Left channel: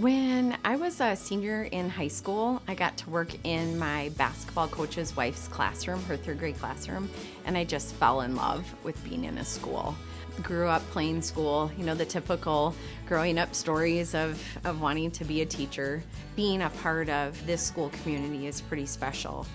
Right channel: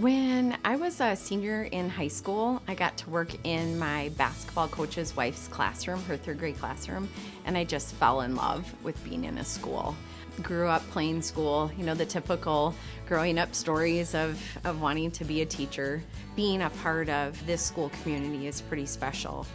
When I was a senior in high school, I got to work in my basketball coach's wife's classroom, her third grade classroom, and I just fell in love with being in a school. Grew up playing school, the typical growing up stories of wanting to be a teacher. Being a part of this school community is pretty special.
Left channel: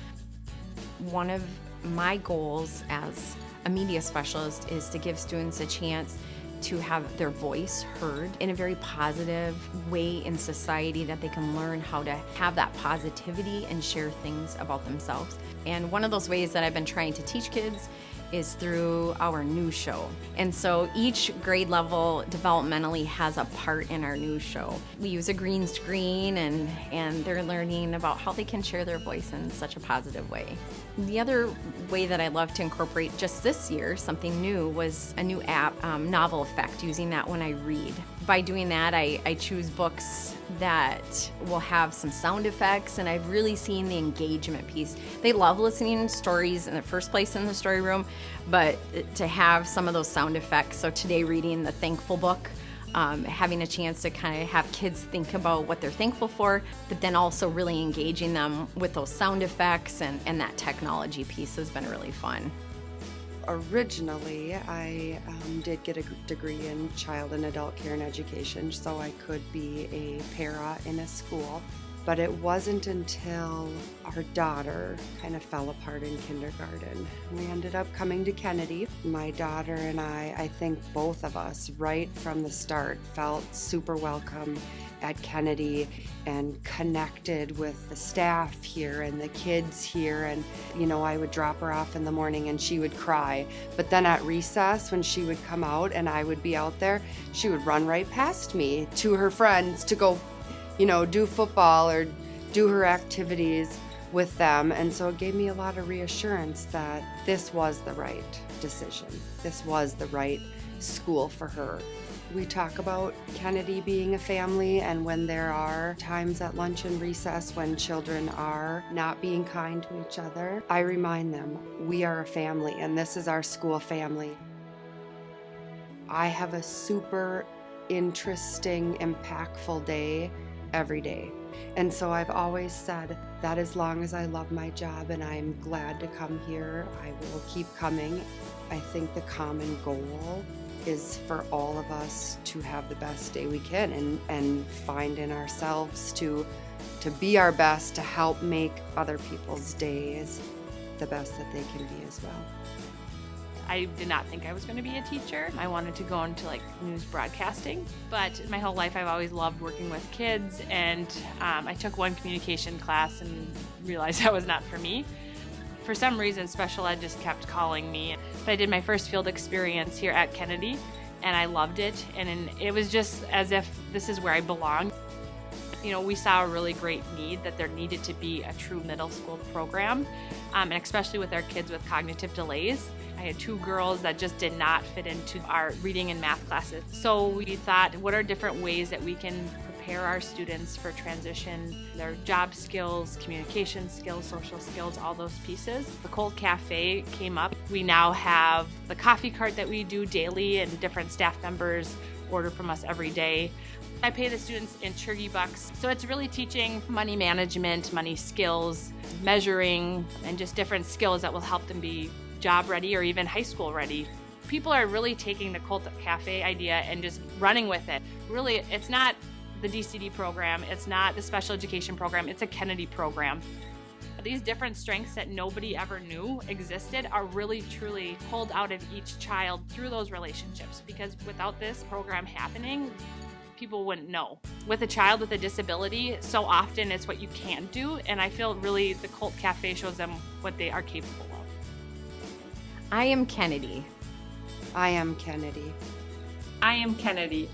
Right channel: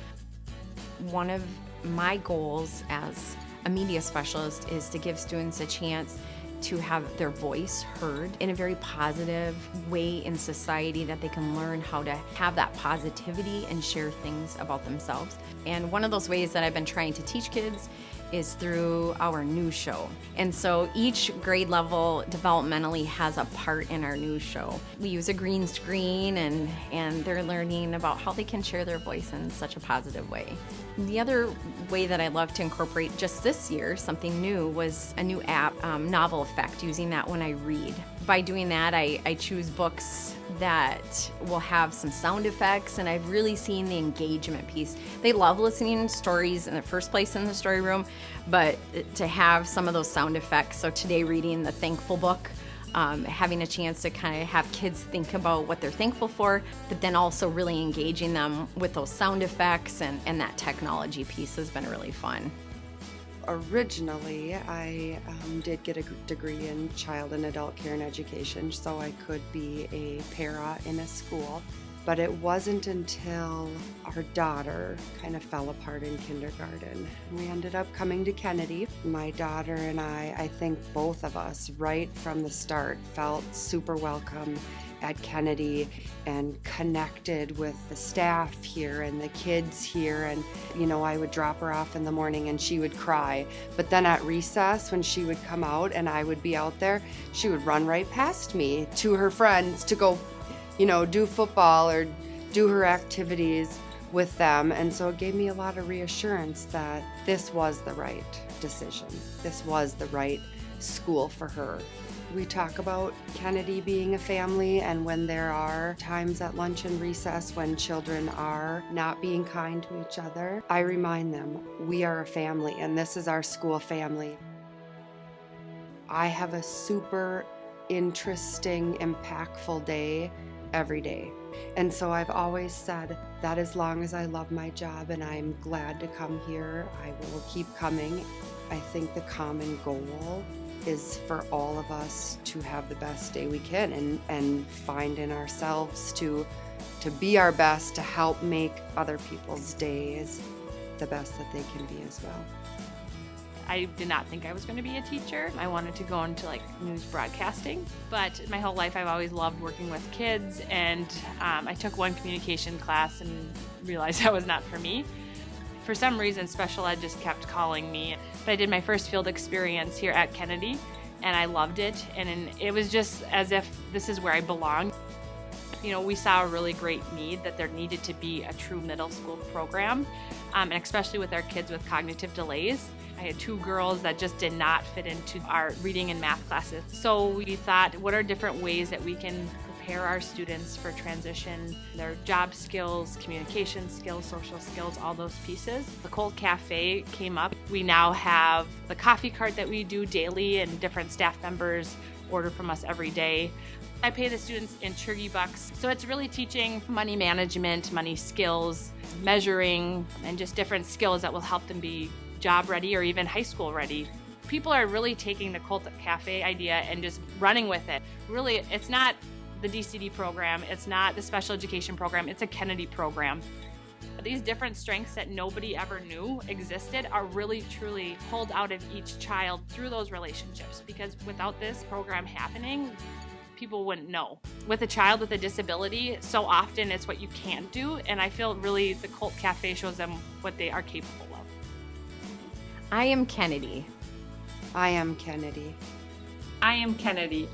One of my goals as a media specialist is to give students a chance to have their voice heard in a very positive way in society, that they can learn how to have that positivity and share things about themselves. And one of those ways that I've been trying to teach kids is through our news show. And so each grade level developmentally has a part in our news show. We use a green screen and they're learning about how they can share their voice in such a positive way. The other way that I love to incorporate just this year, something new, was a new app, Novel Effect, using that when I read. By doing that, I choose books that will have some sound effects, and I've really seen the engagement piece. They love listening to stories in the first place in the story room, but to have some of those sound effects. So today, reading the Thankful book, having a chance to kind of have kids think about what they're thankful for, but then also really engaging them with those sound effects and that technology piece has been really fun. Originally, I did get a degree in child and adult care and education, so I could be a para in a school. But it wasn't until our daughter kind of fell apart in kindergarten. We ended up coming to Kennedy. My daughter and I think both of us, right from the start, felt super welcome at Kennedy and connected with the staff here and the kids here. And, I would drop her off in the morning and she would cry. But then at recess, when she would come out and I would be out there, she would run right past me to her friends to go do football or do her activities with them. And so it gave me a lot of reassurance that this was the right decision. This was the right school for her. We talk about Kennedy being a family, and when there are times at lunch and recess when children are not being kind to each other, I remind them we are a family and this is our school family. I have a super interesting, impactful day every day. And so I've always said that as long as I love my job and I'm glad to come here, I will keep coming. I think the common goal is for all of us to have the best day we can and find in ourselves to be our best, to help make other people's days the best that they can be as well. I am Kennedy. I am Kennedy. I am Kennedy.